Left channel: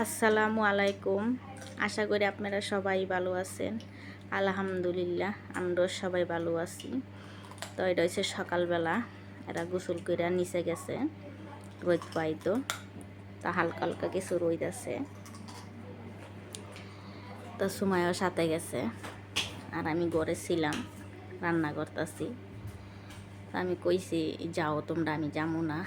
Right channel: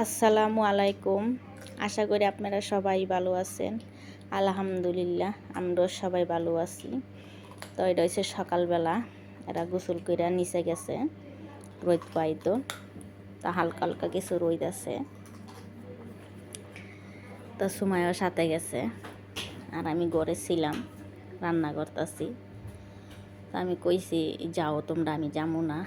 আসসালামু আলাইকুম। আশা করি আপনারা সবাই ভালো আছেন। আলহামদুলিল্লাহ, আমরাও সবাই ভালো আছি। তো এটা হচ্ছে সকালবেলা, এরা গোসল করে নিচে গেছে, রোদ পাইতো তা। হালকা হালকা কিছু রোদ আছে। তো সময়ও সাথে গেছে, আর আমি ঘরে ছিলাম, রান্না করতেছি। তো আমি কইছি, যাও, তোমরা, আমি যাব না।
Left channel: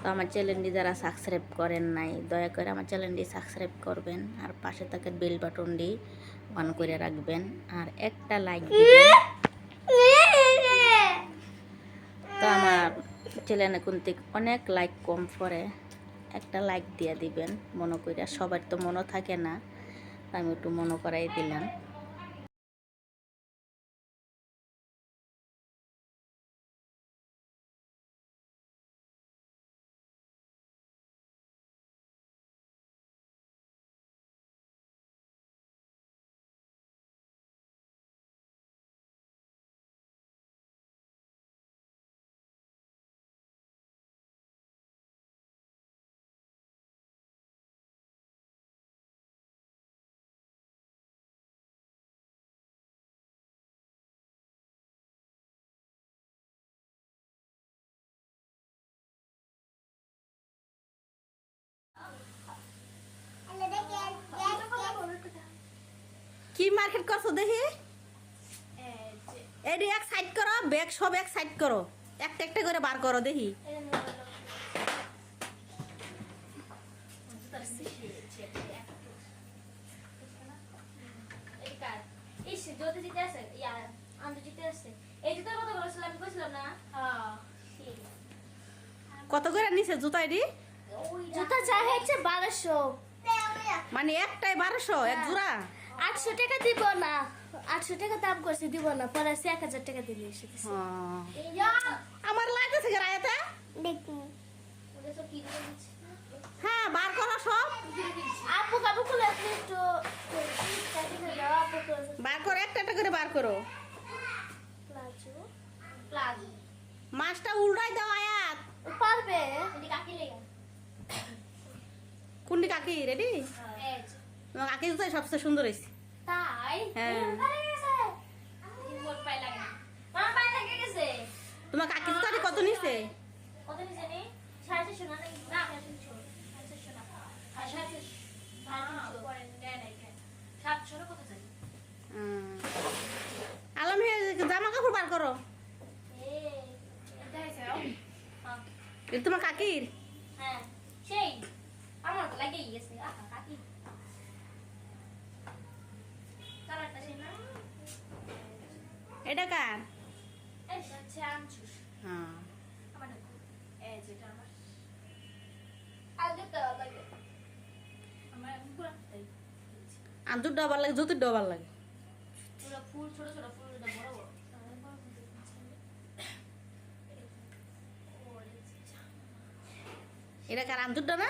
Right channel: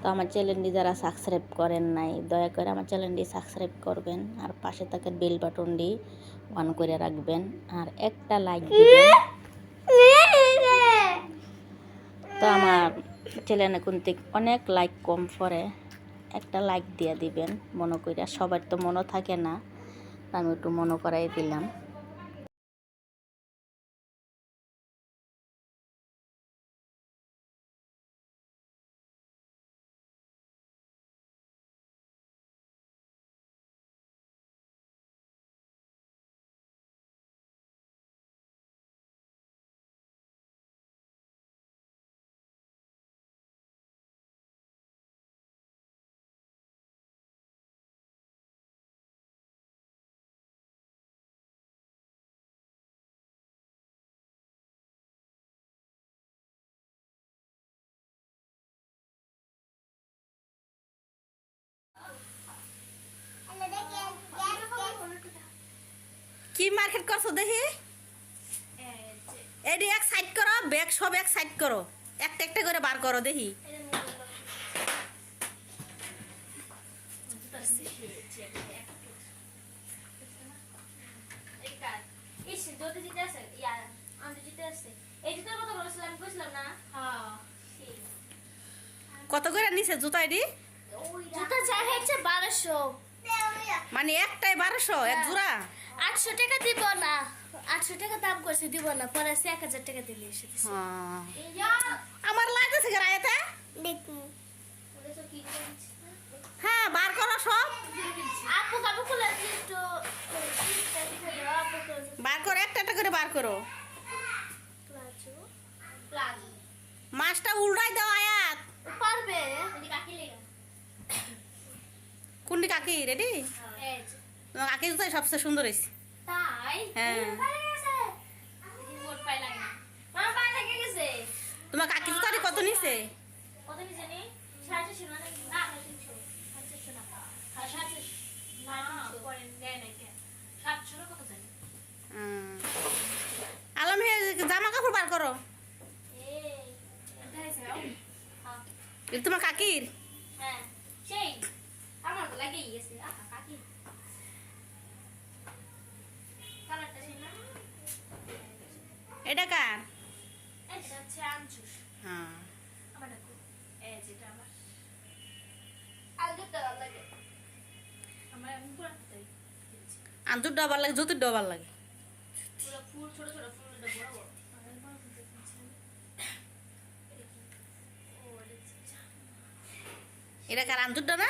তো আমার চ্যানেলটি যারা সাবস্ক্রাইব করেন নাই দয়া করে আমার চ্যানেলটি সাবস্ক্রাইব করবেন আর পাশে থাকা বেল বাটনটি অন করে রাখবেন আর একটা লাইক দিবেন। তো আমার চ্যানেলে থেকে অনেক লাইক কম পড়ে একটা লাইক দিয়ে দিবেন মনে করিয়া সবার তো মনে থাকে না আমি একটু মনে করাই দিলাম। কি মার্কেট করছ দেখি? এডি এক সাইড করো ব্যাগ সব এক সাইড করো। একটা একটা করে বার করো দেখি। কত করে নিছে জুতা এডি? জুতা চার হচ্ছে বারোশো। মানে একটাই বারোশো এক জোড়া? আটশো টাকা দিব না। আটশো টাকা দাম করছে দিব না। পরে সে এক হাজার টাকা দিলে এসে। আমার লাগতেছে গাড়াইতে হ্যাঁ বার করো সব। বার করো একটা একটা করে বার করো। মাছটা উল্টাই দাও আয়াত। পারবে? কুন্ডি কাকি রেডি কাকি জুতাই সবচেয়ে সুন্দর হয়েছে। তাই? হ্যাঁ। তোমার কাকি জুতাটি কত নিছে? কত না? না? না পরে দেয়। কত জানি? আলম হে জামা কাপড় বার করো। এটা তোমার কাকির হ্যাঁ সেই আমার তো লাগেই গেছে আহা কাকি কালারটা সেই না এটা কার এটা হচ্ছে আনছুস হ্যাঁ আমার দেখো এই যেটা আমার আগে তো লাগে আমার আমি কার? তাই আঞ্জুর ডবার লাগে। জুতির ডবার লাগে এটা এটা কার আঞ্জুর ডবা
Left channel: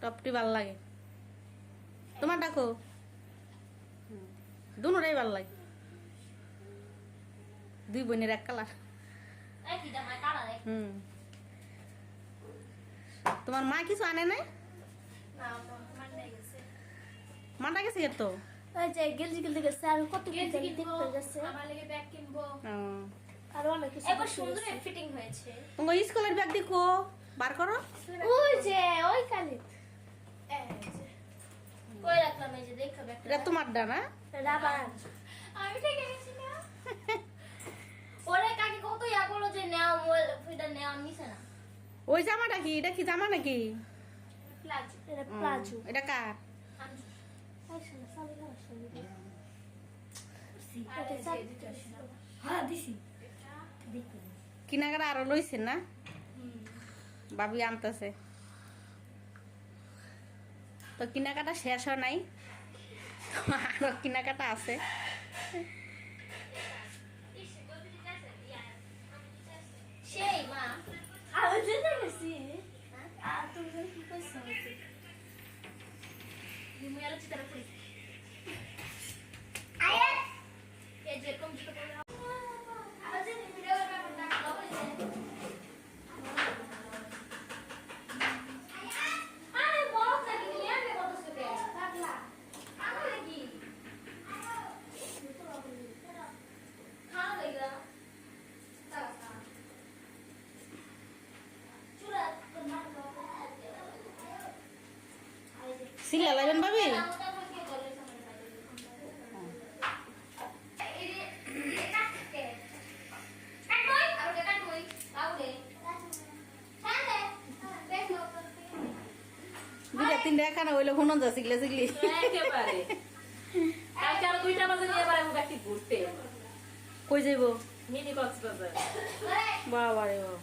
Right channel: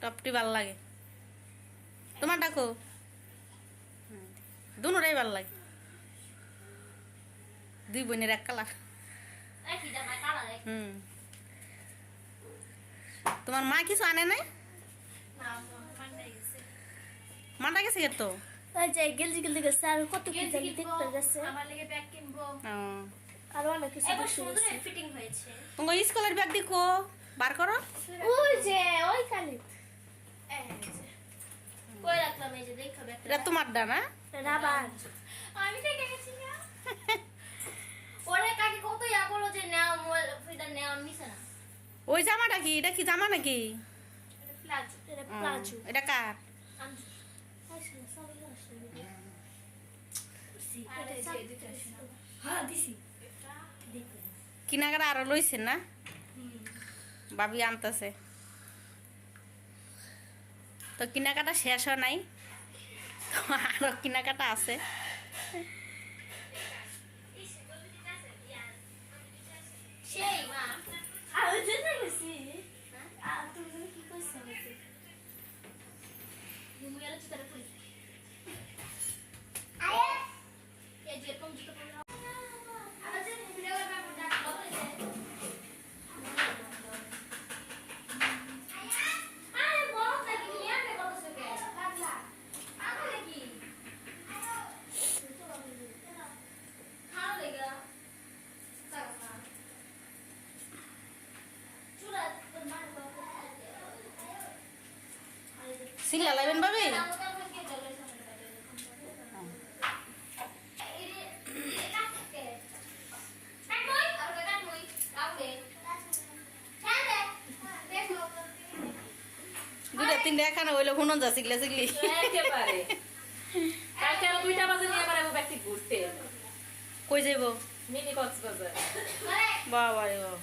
টপটি ভালো লাগে। তোমার ডাকো দুটাই ভালো লাগে। দুই বোনের এক কালার হুম। তোমার মা কিছু আনে নাই? না গেছে। মাটা গেছে তো? ব্যাগ কিনবো আর অনেক কিছু এবার সুন্দর ফিটিং হয়েছে। তোমার স্কুলের ব্যাগ দেখো বার করো। ওই যে ওই কালি কই রাখলাম এই যে দেখো ব্যাগ এটা তোমার ডা না রাবার আমি থেকে গেছি না। ওরে কাকি কত ইয়া করল যে নাও মোবাইল এটা নাও নিছে না। ওই জামাটা কি? এটা কি জামা নাকি? এটা এটা কার? হ্যাঁ কিনাকাটা আরও লইছেন না? বাবি আনতেছে। তো কিনাকাটা শেষ হয় নাই? তো আরও কিনাকাটা আছে। সেই মা আমি যেতে গেছি আর তুমি কি কইছো তুমি আর চিন্তা করিস আয়া এই যে কম তুলে লাইবেন ভাবি দুইটা তিনটা এখানে হইল হুনন যা শিখলে শিখলি কই যাইব? বাবা রে বাবা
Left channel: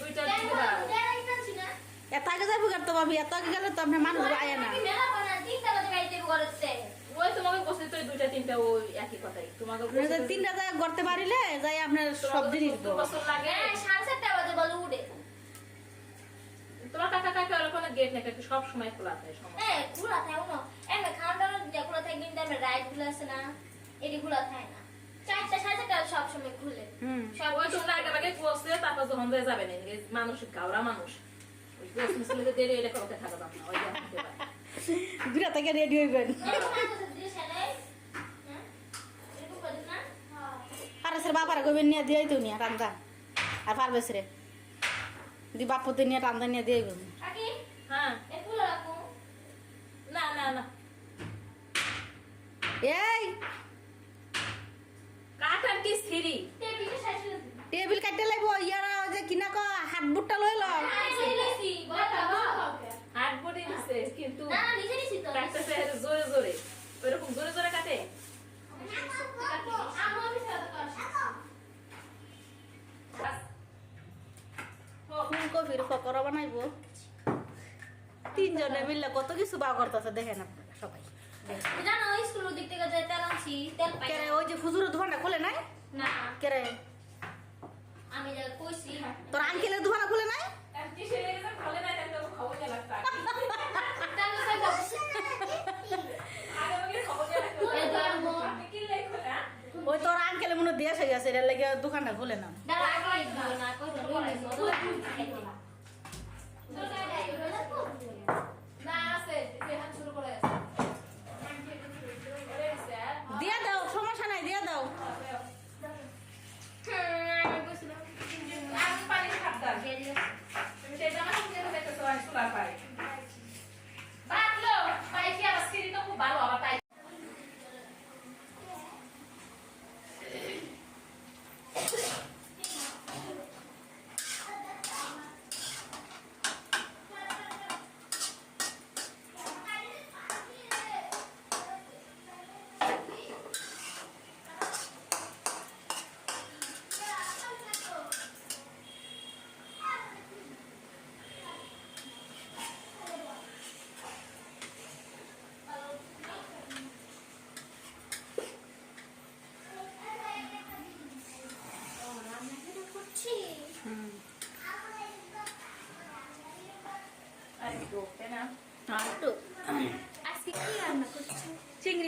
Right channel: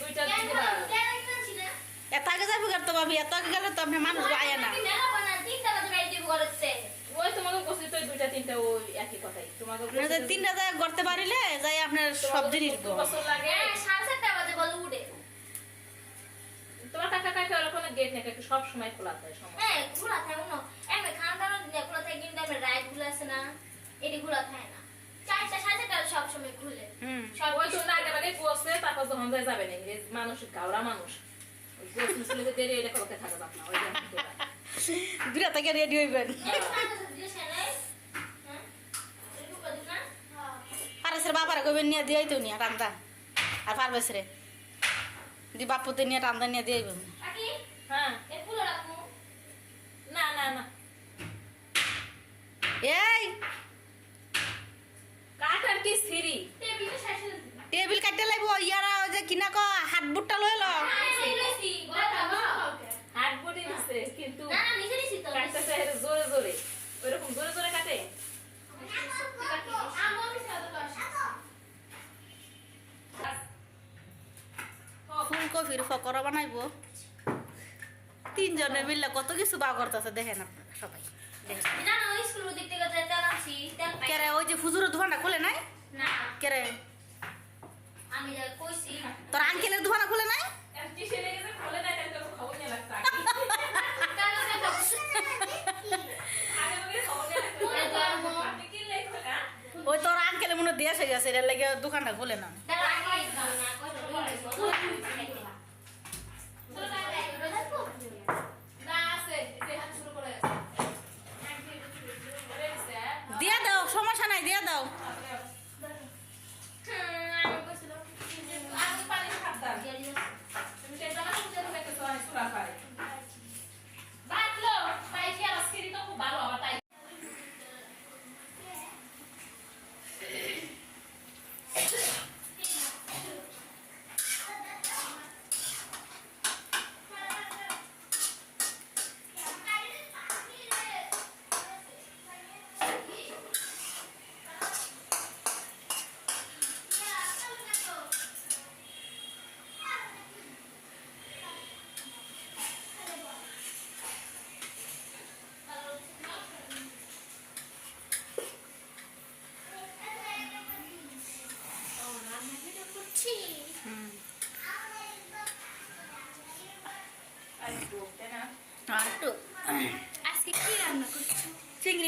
দুইটা এত আগে যাব কেন? তো ভাবি এত আগে গেলে তো আপনি মানুষ আয় না। ওই তোমাকে কইছে তো দুইটা তিনটা ওই একই কথাই তোমাকে আপনি যদি তিনটা জায়গা করতে পারিলে যাই আপনার সব জিনিস দু বছর লাগে তোমার কাকা কাকা ওখানে গেট নাকি সব সময় খোলা থাকে সময় খুলে সব ওই তোমরা যাবে না মানুষ গাওরা মানুষ। ওই থাকা যাবে না দুটা থেকে রেডি হইবেন। পারেসের বাবার কইবেন নিয়ে দিয়াই তো নিয়ে টান্দা আর পারবেস রে দি বাপুতে নিয়ে টান্দা নিয়ে দিয়ে আইবেন। হ্যাঁ। না না না। এই! কাটার কি সিঁড়ি? টেবিল কাটতে লাগব ইয়ারা ওই যে কিনা ক হাত বুটটা লই ল। হাত বডি দিছে কিন্তু কাটতেছে জোরে জোরে ওইরকম জোরে জোরে কাটে। ফুলকপির ফকরা বানাইব। তিনজনে মিললে কত কিছু বা করতেছে দেখেন আপনারা সবাই। কেরে ওই যে ফুজুরের দোকানটা খোলে নাই? কেরে তোর আঙ্কেলের দোকানটা খুলে নাই? না ওই তোর আঙ্কেলে মনে হয় দিয়েছে গেছে এর লাগে দোকানটা খুলে না। দিয়া দাও সমস্যা নাই দিয়া দাও আমি পানি খাদ্দাম তুমি সেটা না বুঝে বুঝে তো সবাই সুলা পাই বাতলো তাই কি আর স্কিরি তো খুব ভালো আবার তাই হুম আর ডোকে না আর একটু আজকে কি রান্না করছ চিংড়ি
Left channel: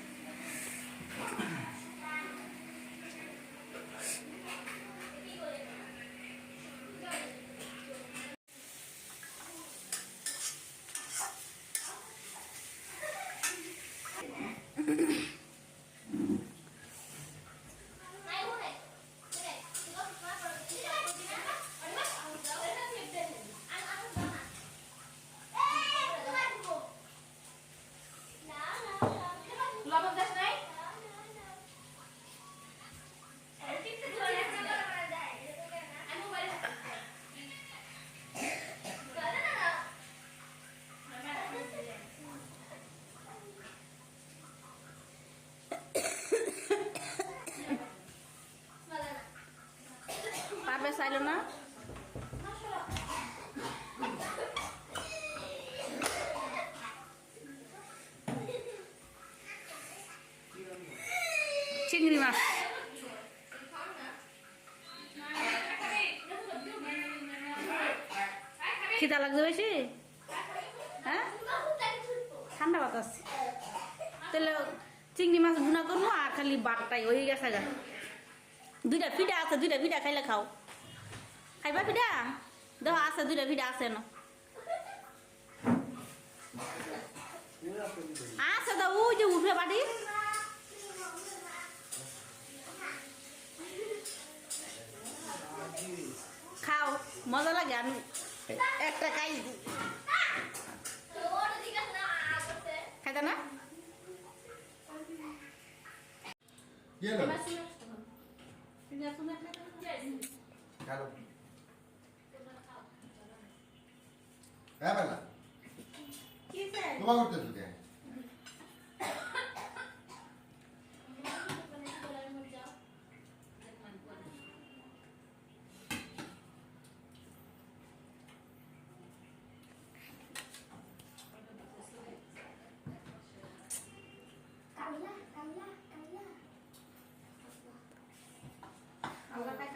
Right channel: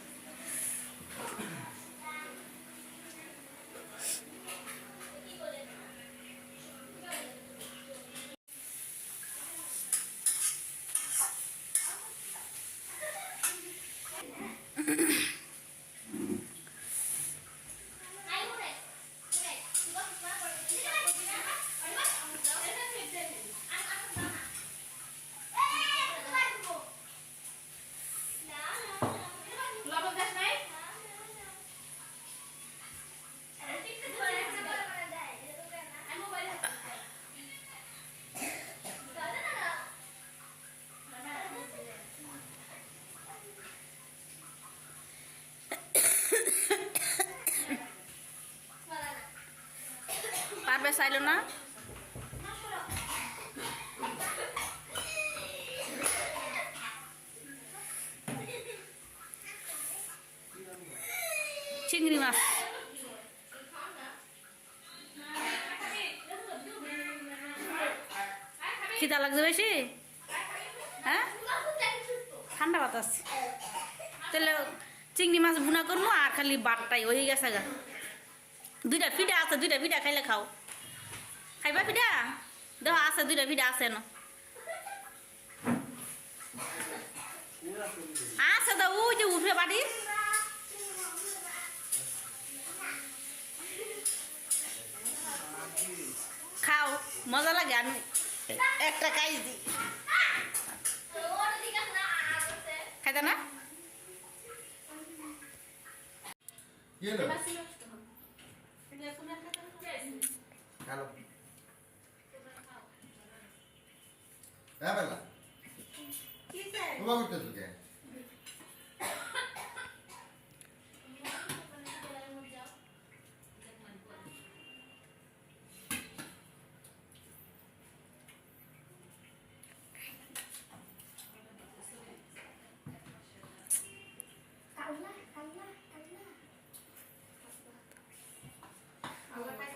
পারবে চাইলো না? চিংড়ি মাছ। খিদা লাগছে বেশি? হ্যাঁ? ঠান্ডা বাতাস। তাহলে চিংড়ি মাছ ভুনা করব আর খালি বাটটাই ওই গেছে গা। দুইটা পিঠা আছে, দুইটা পিঠা খাইলে খাও। খাইবা পিঠা? দেখ আছে দুইটা পিঠা আছে না আছে তো ওই যে উঠে বাড়ি খাও মজা লাগে আমি একটা খাই দিই। খাইতে না? কি হলো কালো হ্যাঁ বেলা তোমার করতেছো কে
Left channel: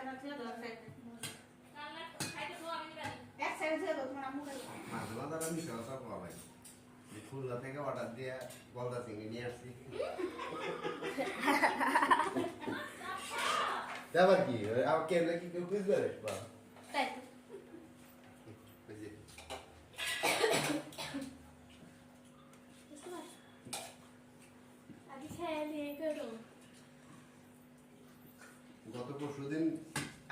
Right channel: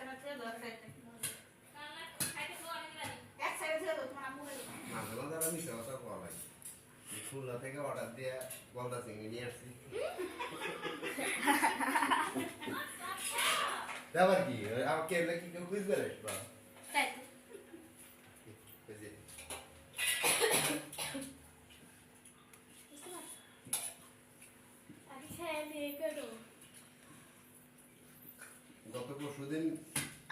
মাছলা খুলনা থেকে অর্ডার দিয়ে গলদা চিংড়ি নিয়ে আসছি। আবার কি? আবার কেন কি কেউ বুঝবে রে? বা গত পরশু দিন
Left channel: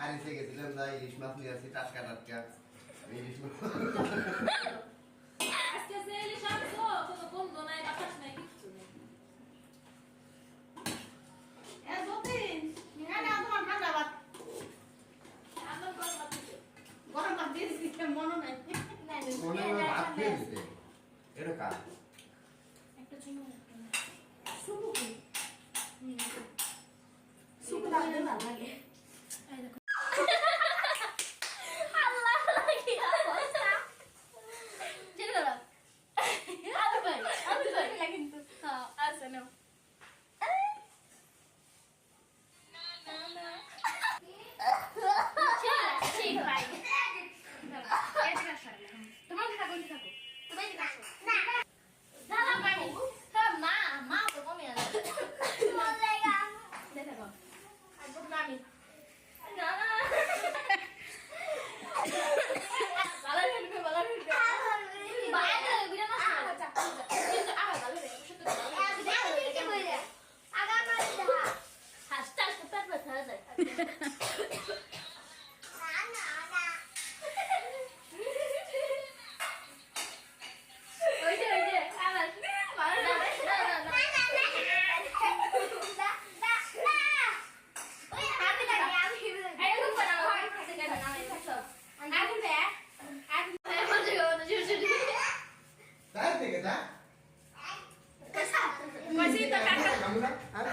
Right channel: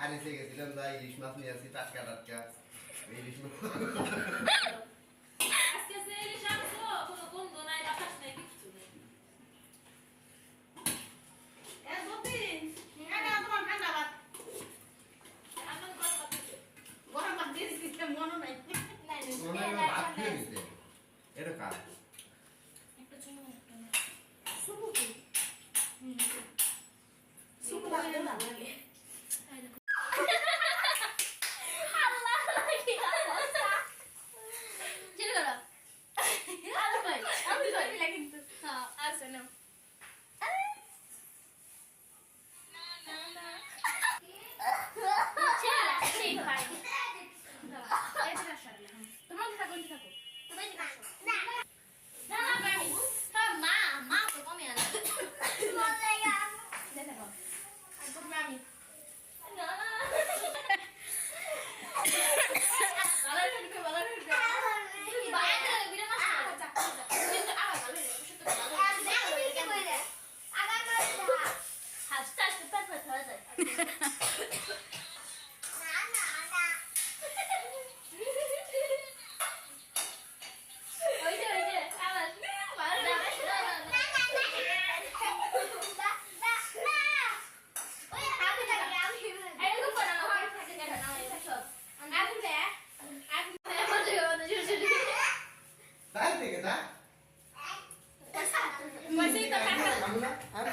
আরিসে গেছিলাম না ইলিশ মাছ নিয়ে আসি টাটকা না আর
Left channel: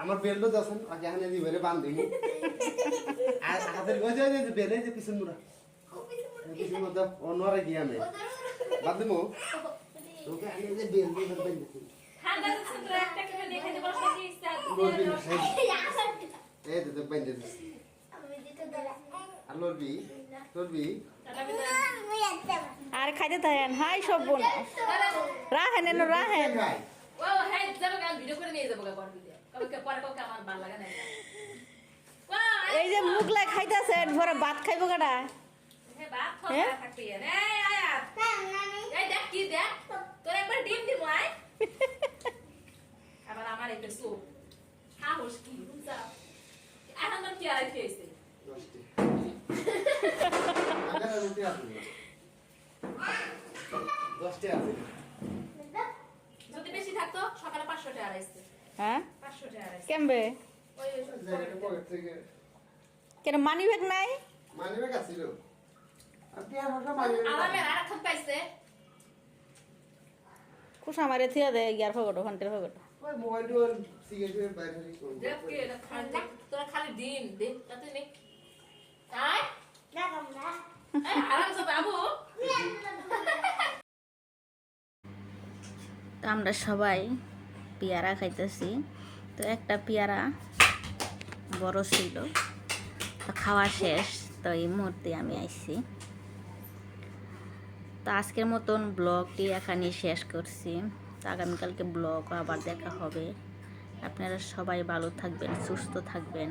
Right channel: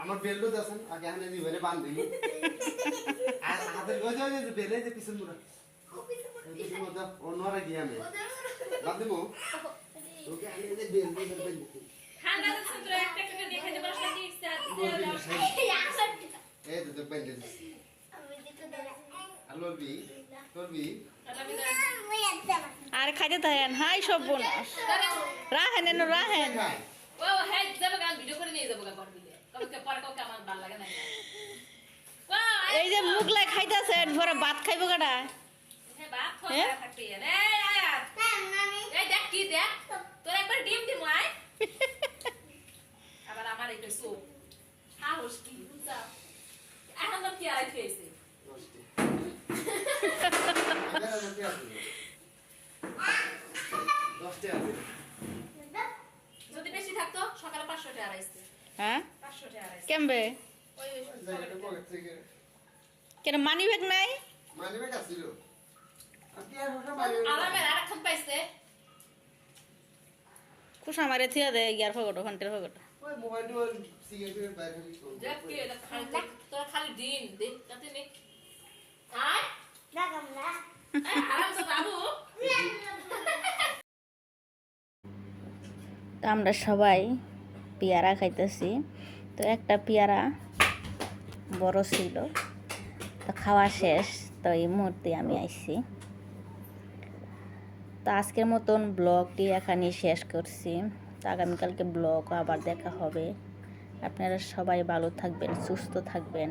আমার বেলবো দাসন আগে হানে দি বেলে বান্ধ দিমু আর হাতের গজে যে বেলে যে পিছন মুরা পিছন মুরা অনরে গিয়া মে বাদ দিমু তোকে আগে যে বেল দিয়ে বেল দিছি ঠান্ডা একটা একটা দিয়ে খাইতে পারছ ইচ্ছা আছে, লরবি দিয়ে দাও। এই তো বেল আর লরবি আর খাইতে থাকেন হাই সব বোন রাহেন এনো রাহেন খাই ও, যাবে গা, ভিডিও করে নিয়ে যাব গা, পরে ভিডিও। কাউকে পরে কাউকে আমার ভালো লাগে না। ও, এই যে মুগলাই খাইতেছেন ঘরে ভাত খাইবো কাটা ভাত খাওয়া? থাকতে। এই, আয়াত, এই দেখ কি দেখ, তোর একবার ডিম দিমু, আয়। আবার আমার একটা। সাহস কি, এখন কি আর খেয়েছে? দশটি আগে দশটি আছে দশটি আছে যদি বেশি থাকতো সকালে পাঁচশো টাকা হ্যাঁ? কেমবে? কেন মানি ব্যাগ নাই মানি ব্যাগ আছিল আমার খুশা মারে থিয়া দে ইয়ার ফগটো ঘন্টের ফগটো তোরা খালি দিন দিন তাতে নে। তো আমরা সবাই পেয়ারা খাইতেছি। তো একটা পেয়ারা বড় ছিল। তো খাওয়া শেষ, তো এই মুহূর্তে আমি আইছি। তো আজকের মতন ব্লগটি এখানেই শেষ করছি। তো আগামীকালকে ব্লগ আবার দেখা হবে। আপনারা সবাই ভালো থাকবেন, সুস্থ থাকবেন।